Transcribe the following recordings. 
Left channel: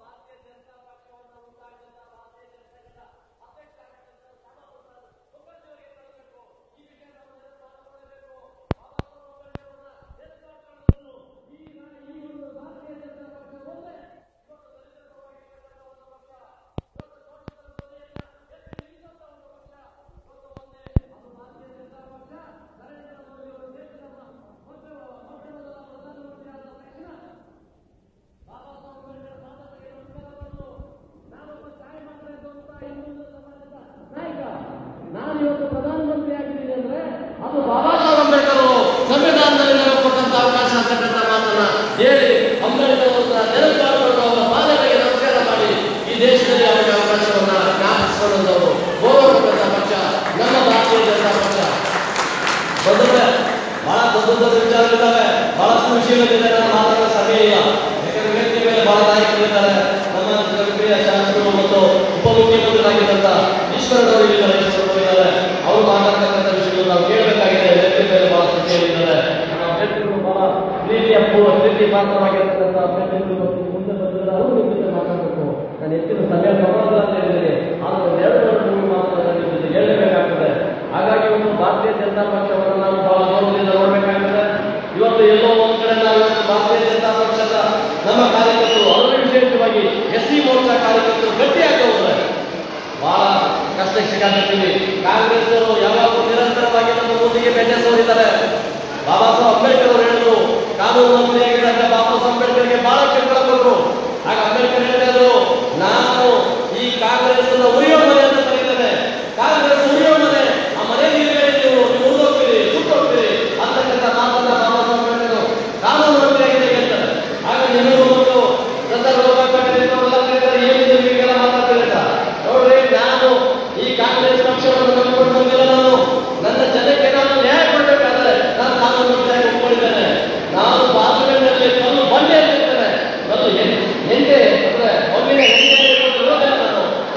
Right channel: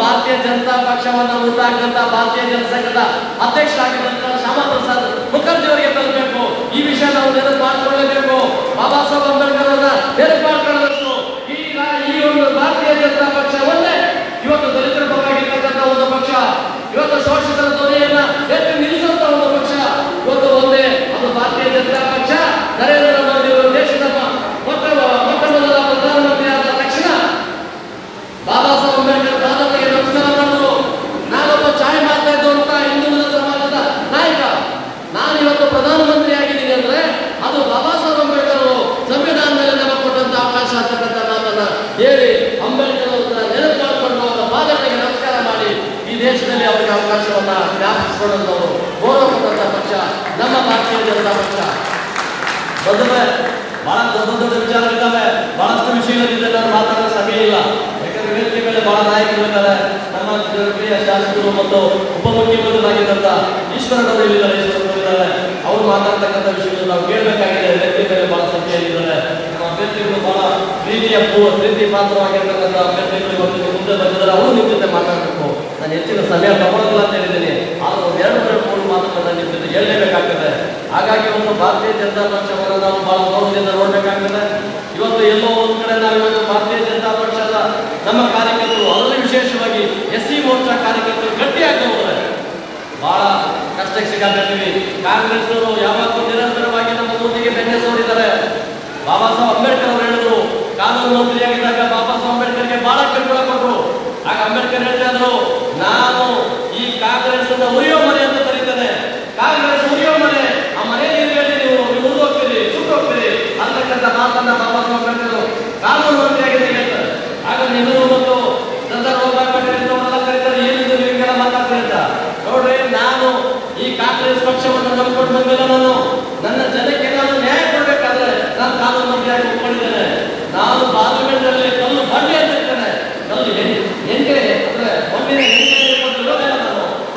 ಭಾರತೀಯ ಜನತಾ ಪಕ್ಷವನ್ನು ಹುಟ್ಟಾಕಿದಂತ ಭಾರತೀಯ ಜನಸಂಘದ ಅಧ್ಯಕ್ಷರಾಗಿದ್ದಂತ ಶ್ಯಾಮಾ ಪ್ರಸಾದ್ ಮುಖರ್ಜಿ ಅವರಿಗೆ ತಲುಪಬೇಕು. ಈ ವಿಷಯ ನಾವು ನೆನಪು ಮಾಡಿಕೊಳ್ಳಬೇಕು. ಬಾಬಾ ಸಾಹೇಬ್ ಅಂಬೇಡ್ಕರ್ ಅವರನ್ನ ನೆನಪು ಮಾಡಿಕೊಳ್ಳಬೇಕು. ಈ ಒಂದು ಭಾರತೀಯ ಜನತಾ ಪಕ್ಷ ಒಂದೇ ಇವತ್ತು ದಲಿತರ ಪರವಾಗಿರ್ತಕ್ಕಂಥ ಒಂದು ಪಕ್ಷ, ಇವತ್ತು ಶೋಷಿತರ ಧ್ವನಿಯನ್ನ ಎತ್ತಿ ನಿಲ್ಲಿಸುವಂತ ಒಂದು ಪಕ್ಷ ಇವತ್ತು ಒಂದೇ, ಅದು ಭಾರತೀಯ ಜನತಾ ಪಕ್ಷ. ನರೇಂದ್ರ ಮೋದಿ ಅವರು ದೇಶದ ಮೊಟ್ಟ ಮೊದಲ ಪ್ರಧಾನಮಂತ್ರಿ ಆದ ತಕ್ಷಣ ಬಾಬಾ ಸಾಹೇಬ್ ಅಂಬೇಡ್ಕರ್ ಪಾದಗಳಿಗೆ ನಮಸ್ಕಾರ ಮಾಡಿದ್ರು. ನಾನೊಬ್ಬ ಚಾಯ್ ಮಾಡ್ತಾ ಇದ್ದಂತ ಹಿಂದುಳಿದ ಸಮಾಜದ ನಾಯಕ, ನಾನು ಇವತ್ತು ಪ್ರಧಾನಮಂತ್ರಿ ಆಗಿದ್ದೀನಿ ಅಂದ್ರೆ ಅದು ಬಾಬಾ ಸಾಹೇಬ್ ಅಂಬೇಡ್ಕರ್ ಅವರು ಸಂವಿಧಾನದಲ್ಲಿ ನಮಗೆ ಕೊಟ್ಟಂತ ಅವಕಾಶ ಅಂತಕ್ಕಂಥ ಮಾತನ್ನ ಹೇಳಿ ಅಂಬೇಡ್ಕರ್ ನೆನಪು ಮಾಡಿಕೊಂಡು ಅವರ ಪಾದಗಳಿಗೆ ನಮಸ್ಕಾರ ಮಾಡಿ ಈ ದೇಶದಲ್ಲಿ ಅವರಿಗೆ ಅವಕಾಶವನ್ನ ಜ್ಞಾಪಿಸಿಕೊಂಡವರು ಗೌರವ ಕೊಟ್ಟಂತ ಪಕ್ಷ ನಮ್ಮ ಭಾರತೀಯ ಜನತಾ ಪಕ್ಷ. ಬಂದ್ರೆ ಬಹಳ ದೊಡ್ಡ ವಿಚಾರಗಳಿದ್ದಾವೆ, ಬಹಳಷ್ಟು ವಿಷಯಗಳಿದೆ, ನಾನು ಮಾತಾಡೋ ಸಮಯ ಇಲ್ಲ. ಯಾಕಂದ್ರೆ ವೇದಿಕೆ ಮೇಲೆ ಬಹಳ ನಾಯಕರಿದ್ದಾರೆ. ನಮ್ಮ ಜನಪ್ರಿಯ ಶಾಸಕರು ಮತ್ತು ಉಪಮುಖ್ಯಮಂತ್ರಿಗಳಾಗಿದ್ದಂತ ಈಶ್ವರನವರು ಇಲ್ಲಿದ್ದಾರೆ, ಅವರು ಮಾತಾಡ್ತಕ್ಕಂಥ ವಿಷಯಗಳು ನಾವು ಕೇಳಬೇಕಾಗಿದೆ. ವೇದಿಕೆ ಮೇಲೆ ಬಹಳ ಸಂಖ್ಯೆಯಲ್ಲಿದ್ದಾರೆ. ನಮ್ಮ ಅಭ್ಯರ್ಥಿಗಳು ಬಹಳ ಪ್ರೀತಿ ಪಾತ್ರವಾಗಿರ್ತಕ್ಕಂಥ ಅಭ್ಯರ್ಥಿಗಳು ಇವತ್ತು ಮುಂದೆ ಬಂದಿದ್ದಾರೆ. ಅವರು ನಿಮ್ಮ ಜೊತೆ ಮಾತಾಡಬೇಕು. ನಾನು ಹೆಚ್ಚಿನ ಸಮಯ ತಗೊಳ್ಳೋದಿಲ್ಲ ಅಂತ ಹೇಳಿದ್ದೀನಿ, ಆದರೂ ಒಂದು 2-3 ಮಾತುಗಳನ್ನು ನಿಮ್ಮ ಜೊತೆ ಹೇಳಲೇಬೇಕಾಗ್ತದೆ. ಹಾಗಾಗಿ ಒಂದು ಭಾರತೀಯ ಜನತಾ ಪಕ್ಷವನ್ನು ನಾವು ಬಹಳ ಗೌರವದಿಂದ ನೋಡಬೇಕಾಗಿದೆ. ಇವತ್ತು ಎಲ್ಲೋ ಒಂದು ಕಡೆ ನಾವು ಇವತ್ತು ಭಾರತೀಯ ಜನತಾ ಪಕ್ಷದ ನಮ್ಮ ಕಾರ್ಯಕರ್ತರು, ಅದರಲ್ಲಿ ವಿಶೇಷವಾಗಿ SC ಮೋರ್ಚಾ ಕಾರ್ಯಕರ್ತರು ಗಟ್ಟಿಯಾಗಿ ಹೋಗ್ತಾರೆ. ಬಹಳ ಕಷ್ಟಕ್ಕೆ ಸಿಗಾಡ್ತೀವಿ. ಕಾಂಗ್ರೆಸ್ ಅವರು ಯಾವಾಗಲೂ ನಿರಂತರವಾಗಿ ನಮ್ಮ ಊರಿಗೆ ಬೆಣ್ಣೆ ಸೋರಿದ್ದಾರೆ. ಬಾಬಾ ಸಾಹೇಬ್ ಅಂಬೇಡ್ಕರ್ ಅವರು ಹೇಳಿದ್ರು, ಕಾನೂನು ಮಂತ್ರಿಯಾಗಿದ್ದಾಗ ಬಾಬಾ ಸಾಹೇಬ್ ಅಂಬೇಡ್ಕರ್ಗೆ ಬಹಳ ಕಿರುಕುಳ ಕೊಟ್ಟರು. ಆಗ ಅಂಬೇಡ್ಕರ್ ಹೇಳ್ತಾ ಇದ್ರು, ನಾನು ಈ ಕಾಂಗ್ರೆಸ್ ಉರಿಯೋ ಮನೆ ಅಂತ ಕರೀತೇನೆ. ಕಾಂಗ್ರೆಸ್ ಉರಿಯೋ ಮನೆ, ಆ ಮನೆ ನೀವು ಉರಿದೋಗ್ತೀರಿ, ಸುಟ್ಟೋಗ್ತೀರಿ ಅಂತಕ್ಕಂಥ ಮಾತನ್ನ ಬಾಬಾ ಸಾಹೇಬ್ ಅಂಬೇಡ್ಕರ್ ಕಾನೂನು ಮಂತ್ರಿಯಾಗಿದ್ದಾಗ ಹೇಳ್ತಾರೆ. ಆಗ ನೀವು ಒಂದು ಏನಿದೆ ನೀವೆಲ್ಲ ಮಾತಾಡ್ತಿರಂತ ನೋಡ್ರಿ, ನಾನು ಈ ಕಾಂಗ್ರೆಸ್ ಪಕ್ಷವನ್ನು ನಂಬಿಕೊಂಡು ಬಂದಿಲ್ಲ. ನಾನು ನನ್ನ ಜನಕ್ಕೆ ನಾನು ನ್ಯಾಯ ಕೊಡಬೇಕಾದ್ರೆ ನಾನು ಕಾನೂನು ಮಂತ್ರಿಯಾಗಿ ಒಪ್ಕೊಂಡಿದ್ದೇನೆ. ನಾನು ಪಾರ್ಲಿಮೆಂಟ್ನಲ್ಲಿ ಕಲ್ಲು ಬಂಡೆ ಅಂತಿರ್ತೇನೆ. ಕಲ್ಲು ಎಂಟೆ ಅಂದ್ರೆ ಒಮ್ಮಿನ ಇರೋದಿಲ್ಲ.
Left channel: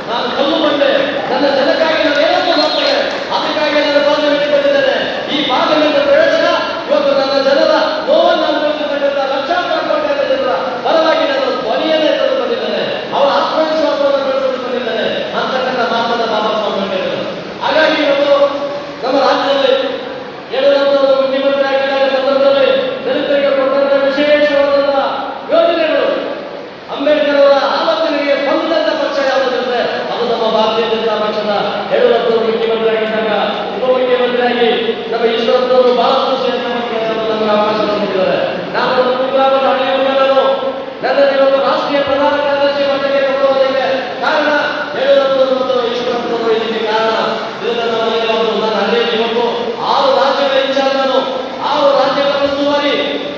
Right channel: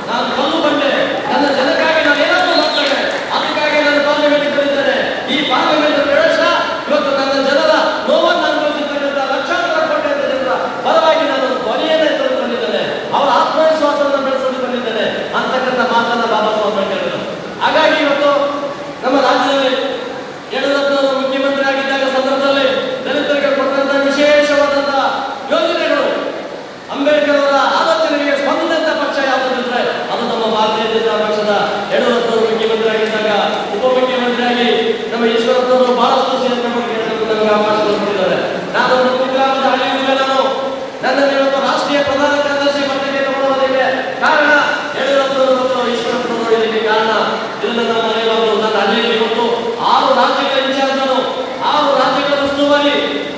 ನಾನು ಕಲ್ಲು ಬಂಡೆ, ನನ್ನ ಜನಕ್ಕಾಗಿ ನಾನು ಏನನ್ನೂ ಮಾಡ್ತೇನೆ. ಅದಕ್ಕಾಗಿ ನಾನು ಪಾರ್ಲಿಮೆಂಟ್ಗೆ ಬಂದಿದ್ದೇನೆ. ಈ ಪಾರ್ಲಿಮೆಂಟ್ ಪ್ರವೇಶ ಇವತ್ತು ನನ್ನ ಜನರ ನೋವನ್ನು ಅನುಭವಿಸಿರ್ತಕ್ಕಂಥ ಲಕ್ಷಾಂತರ ಕೋಟಿ ಜನರ ಪರವಾಗಿ ನಾನು ಧ್ವನಿಯನ್ನೇ ತಂದು ಬಂದಿದ್ದೇನೆ. ಅವರ ಆತ್ಮವಿಶ್ವಾಸವನ್ನು ಬೆಳೆಸಲು ಬಂದಿದ್ದೇನೆ ಅಂತಕ್ಕಂಥ ಮಾತನ್ನ ಬಾಬಾ ಸಾಹೇಬ್ ಅಂಬೇಡ್ಕರ್. ಹಾಗಾಗಿ ಇವತ್ತು ನಮ್ಮ ರಾಜ್ಯದಲ್ಲಿ ಯಡಿಯೂರಪ್ಪನವರು ಮುಖ್ಯಮಂತ್ರಿ ಆಗಿದ್ದಾಗ ಸಂದರ್ಭದಲ್ಲಿ ದಲಿತರಿಗೆ ಕೊಟ್ಟಂತಹ ವಿಶೇಷವಾದಂತಹ ಯೋಜನೆಗಳು, ಅಂಬೇಡ್ಕರ್ ಅವರ ಆಲೋಚನೆಗೆ ಸ್ಪಂದಿಸಿದಂತ ಪಕ್ಷ ಯಾವುದಂದ್ರೆ ಅದು ನಮ್ಮ ಭಾರತೀಯ ಜನತಾ ಪಕ್ಷದ. ಯಡಿಯೂರಪ್ಪನವರು ಮುಖ್ಯಮಂತ್ರಿ ಆಗಿದ್ದಾಗ ಉಪಮುಖ್ಯಮಂತ್ರಿಯಾಗಿ ನಮ್ಮ ಈಶ್ವರಪ್ಪನವರು ಬಹಳಷ್ಟು ನಮಗೆ ಅವಕಾಶ ಕೊಟ್ಟಿದ್ದಾರೆ. ನಾನು ಒಂದು ಕುಗ್ರಾಮದ ಹಳ್ಳಿಯಿಂದ ನನ್ನನ್ನು ಇವತ್ತು ರಾಷ್ಟ್ರೀಯ ಪ್ರಧಾನ ಕಾರ್ಯದರ್ಶಿ ಮಟ್ಟಕ್ಕೆ ತಗೊಳ್ಳೋದಕ್ಕೆ ಕಾರಣ ಯಡಿಯೂರಪ್ಪನವರು ಮತ್ತು ಈಶ್ವರಪ್ಪನವರು. ಇದಕ್ಕೆ ಕಾರಣ ಇದನ್ನ ನಾವು ಮರೆಯಲಾಗದು. ನನ್ನ ಹಳ್ಳಿಯಲ್ಲಿ ಇವತ್ತು 6 ರಾಜ್ಯಗಳ ಇನ್ಚಾರ್ಜ್, ನಾನು 6 ರಾಜ್ಯಗಳ ಉಸ್ತುವಾರಿ,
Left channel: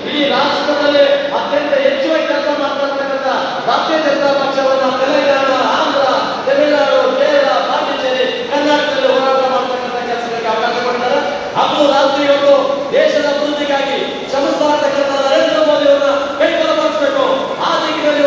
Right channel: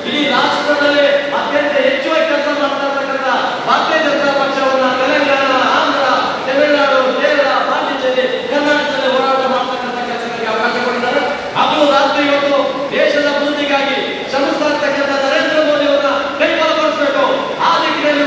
ಇಡೀ ರಾಷ್ಟ್ರದಲ್ಲಿ ಅತ್ಯಂತ ಹೆಚ್ಚುವರಿ ಕೆಲಸ ಮಾಡ್ತಾ ಇರ್ತಕ್ಕಂಥ ಭಾರತೀಯ ಜನತಾ ಪಕ್ಷವನ್ನು ತೆಲಂಗಾಣ, ಆಂಧ್ರ, ತಮಿಳುನಾಡು, ಕೇರಳ, ಪಾಂಡಿಚೇರಿ, ಕರ್ನಾಟಕದಲ್ಲಿ ಹೋರಾಟ ಮಾಡ್ತಕ್ಕಂಥ ಕೆಲಸಗಳಿಗೆ ಅವಕಾಶ ಕೊಡ್ತಾರೆ. ಹಗಲು ರಾತ್ರಿ ಇವತ್ತು ದೇಶದ ಅಭಿವೃದ್ಧಿಗಾಗಿ ಶ್ರಮಿಸ್ತಾ ಇರ್ತಕ್ಕಂಥ ನರೇಂದ್ರ ಮೋದಿ ಅವರನ್ನ ಕೈ ಬಲಪಡಿಸಬೇಕು. ಆ ದಿಕ್ಕಿನಲ್ಲಿ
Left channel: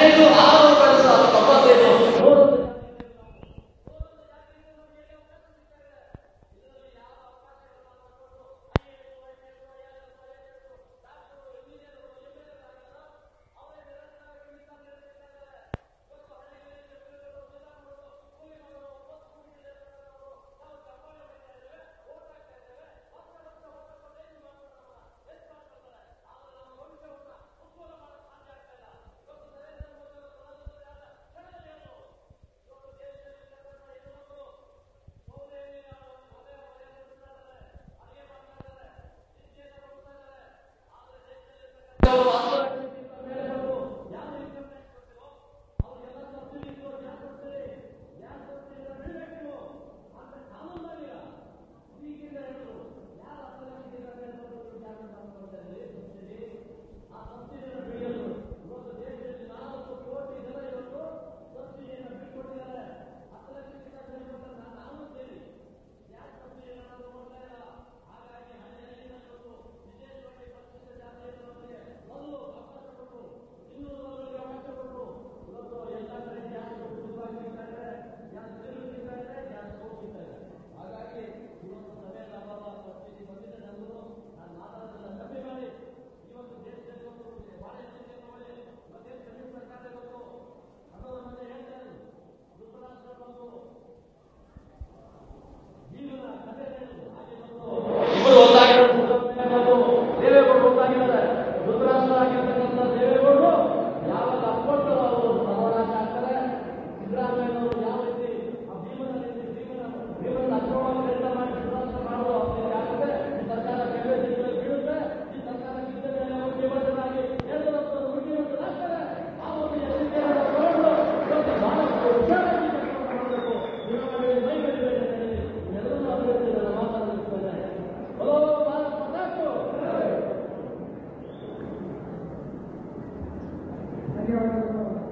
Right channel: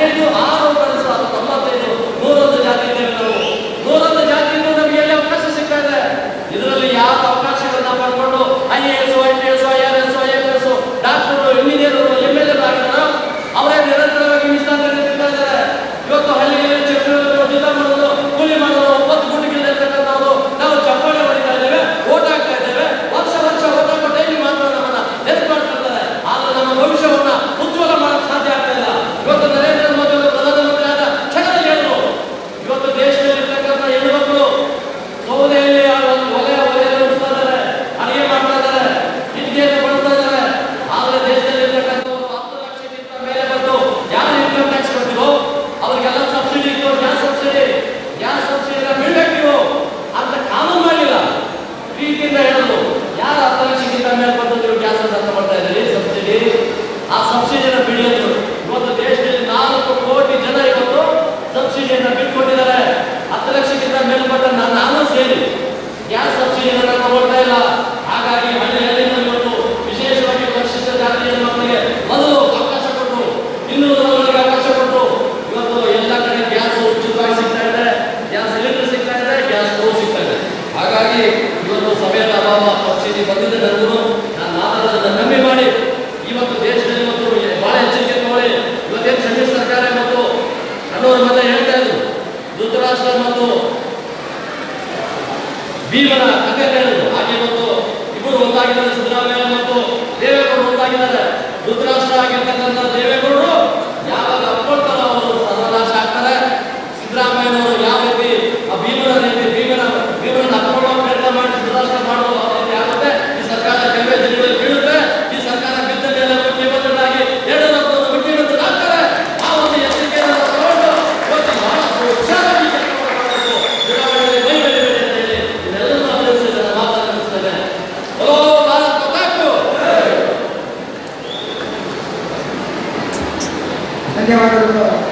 15 6 ಕಳಿಸು ಅದು 95 101 ಜಾತಿ ಇದ್ದೇವೆ ನಾವು. 101 ಜಾತಿಯಿಂದ ನಮಗೆ ಎಲ್ಲಿ ಅವಕಾಶ ಸಿಗ್ತಾ ಇದೆ? ಇದರಲ್ಲಿ ಯಾವ ಅವಕಾಶಗಳನ್ನ ಪಡ್ಕೊಂಡು IAS, IPS, IRS, IFS, doctor, engineer, MLA ಆಗಿದ್ದಾರೋ ಅವರೇ ನಿರಂತರವಾಗಿ ಮೀಸಲಾತಿ ನೀಡ್ತಾ ಇದ್ದಾರೆ. ಇವತ್ತು ಹಳ್ಳಿಗಳಲ್ಲಿ ಯುದ್ಧ ಮಾಡೋದು, ಕೂಲಿ ಮಾಡೋದು, 9 ಗುಂಡಿಗಳಿರ್ತಕ್ಕಂಥವ್ರು ನಾವು ಚಪ್ಪಾಳೆ ಹೊಡಿತಾ ಇದ್ದೇವೆ, ಓಟ್ ಹಾಕ್ತಾ ಇದ್ದೇವೆ. ವರ್ಷ ಓಟ್ ಹಾಕೋ ಟೈಮ್ ಮಾತ್ರ ನಮ್ಮನ್ನ ನೆನಪು ಮಾಡ್ಕೊಳ್ತಾರೆ. ಆದ್ರೆ ನಮ್ಮ ಭವಿಷ್ಯವನ್ನ ಉಜ್ವಲ ಮಾಡಕ್ಕೆ ಸಾಧ್ಯ ಆಗ್ತಾ ಇಲ್ಲ. ಇವತ್ತು ನರೇಂದ್ರ ಮೋದಿ ಅವರು ಪ್ರಧಾನಮಂತ್ರಿ ಆದ ಕ್ಷಣದಲ್ಲಿ ಹೇಳಿದ್ರು, ಇವತ್ತು ದೇಶದಲ್ಲಿ ಇರ್ತಕ್ಕಂಥ ಹೆಣ್ಣುಮಕ್ಕಳು ಸೌದೆಯಲ್ಲಿ ಒಲೆ ಉಡಿಸ್ತಾ ಇದ್ದಾರೆ, ಅಡಿಗೆ ಮಾಡ್ತಾ ಇದ್ದಾರೆ, ವಿದ್ಯೆಯನ್ನು ಬಳಸ್ತಾ ಇದ್ದಾರೆ. ಆದ್ರೆ ದೇಶದಲ್ಲಿ ಇರ್ತಕ್ಕಂಥವ್ರು 10 ಲಕ್ಷಕ್ಕಿಂತ ಮೇಲೆ ಬಂದು ಯಾರು ಇನ್ಕಮ್ ಟ್ಯಾಕ್ಸ್ ಕೊಡ್ತೀರೋ ಅವ್ರಿಗೆಲ್ಲ ಸಬ್ಸಿಡಿ ಇತ್ತು. ಗ್ಯಾಸ್ ಸಬ್ಸಿಡಿನ ಬಿಡ್ಬೇಕು ನೀವು ಅಂತ ಕಾನೂನು ಮಾಡಲಿಲ್ಲ. ಪ್ರೀತಿಯಿಂದ ಹೇಳೋದು, ಯಾರು 10 ಲಕ್ಷಕ್ಕಿಂತ ಮೇಲೆ ಬಂದು ನೀವು ಗ್ಯಾಸ್ ಅಂತ ಮಾಡ್ತಾ ಇದ್ದೀರಿ ಸಬ್ಸಿಡಿ, ಆ ಸಬ್ಸಿಡಿನ ಬಿಡಿಯೋದು. ಇವತ್ತು ದೇಶದಲ್ಲಿ 4 ಕೋಟಿ ಜನ ಇವತ್ತು ಸಬ್ಸಿಡಿಯನ್ನ ಬಿಟ್ಕೊಂಡಿದ್ದಾರೆ. 10 ಲಕ್ಷಕ್ಕಿಂತ ಮೇಲ್ಪಟ್ಟ ನಾನು ಸೇರಿ ಗ್ಯಾಸ್ ಸಬ್ಸಿಡಿಯನ್ನ ತಗೊಳ್ತಾ ಇಲ್ಲ. ಹಾಗಾಗಿ ಹಳ್ಳಿಯಲ್ಲಿ ಇವತ್ತು ವಿಶೇಷವಾಗಿ ಪರಿಶಿಷ್ಟ ಜಾತಿಯ ಮಕ್ಕಳಿಗೆ ಮೊದಲು ಅವಕಾಶ ಕೊಟ್ಟು, ಇನ್ನೂರವರೆಗೆ ಅವಕಾಶ ಕೊಟ್ಟು ಇವತ್ತು ಎಲ್ಲ ಕಡೆ ಗ್ಯಾಸ್ ಉಚಿತವಾಗಿ ಸಿಗ್ತಾ ಇದೆ, ಗ್ಯಾಸ್ ಸಿಲಿಂಡರ್ ಸಿಗ್ತಾ ಇದೆ, ಗ್ಯಾಸ್ ಸ್ಟೋವ್ ಸಿಗ್ತಾ ಇದೆ. ಹಾಗಾಗಿ ಇವತ್ತು ಸಮಯದ ಅಭಾವ ಪರಿಸ್ಥಿತಿ ಬಂದಿದೆ. ನನಗೂ ನಾನು ಮಾತಾಡೋದನ್ನ ಕಮ್ಮಿ ಮಾಡಿ ಇವತ್ತು ದೇಶದಲ್ಲಿ ಇವತ್ತು ಬಹಳ ಎಚ್ಚರಿಕೆ ತಗೊಳ್ಳಿ. ಇವತ್ತೇನು ಸಮ್ಮಿಶ್ರ ಸರ್ಕಾರ ಮತ್ತು ಅನ್ನೋರ ಮತ್ತೆ ಹೇಳ್ತಾ ಇದ್ರು, ಧೃತರಾಷ್ಟ್ರ ಮತ್ತು ಭೀಮನ ಕಥೆ ಹೇಳಿದ್ರು. ಹಾಗೆ ಇವತ್ತು ಇಬ್ಬರು ಒಂದಾಗಿದ್ದಾರೆ, ಸಿದ್ದರಾಮಯ್ಯ ಮತ್ತು ದೇವೇಗೌಡರು ಒಂದಾಗಿದ್ದಾರೆ. ಧೃತರಾಷ್ಟ್ರ ಆಗಿರ್ತಕ್ಕಂಥ ದೇವೇಗೌಡರು ಯಾವಾಗ ಅಪ್ಕೊಳ್ತಾರೋ ಅವರು ಸರ್ವನಾಶ ಆಗ್ತಾರೆ. ಸಿದ್ದರಾಮಯ್ಯನವರು ಯಾವ ರೀತಿ ಆ ಭೀಮನ ಅಪ್ಕೊಳ್ಳೋ ಪ್ರಯತ್ನ ಮಾಡಿ ಧೃತರಾಷ್ಟ್ರ ಮಾಡೋದು ಆ ರೀತಿ ಆಗುತ್ತೆ. ಈ ಸರ್ಕಾರ ಕೆಲವೇ ದಿನಗಳಲ್ಲಿ ಬೀಳುತ್ತೆ. ಈ ಸರ್ಕಾರ ಬಿದ್ದ ಮೇಲೆ ಮುಖ್ಯಮಂತ್ರಿಗಳಾಗಿ ಯಡಿಯೂರಪ್ಪನವರು ಮುಖ್ಯಮಂತ್ರಿಗಳಾಗ್ತಾರೆ. ಆ ಒಂದು ಎಚ್ಚರಿಕೆಯನ್ನು ತಗೊಂಡು ಇವತ್ತು ಬಹಳ ಹುಷಾರಾಗಿ ಕೆಲಸ ಮಾಡಬೇಕು. ಚುನಾವಣೆಯಲ್ಲಿ ಮೈ ಬೆಳಿಬೇಡಿ ಅಂತ ಹೇಳಿ ಇದೆಲ್ಲವನ್ನೂ ಅಭಿನಂದಿಸಿದ ಮಾತನಾಡುತ್ತೇನೆ. ಓ ಭಾರತ್ ಮಾತಾಕು. ಧನ್ಯವಾದಗಳು.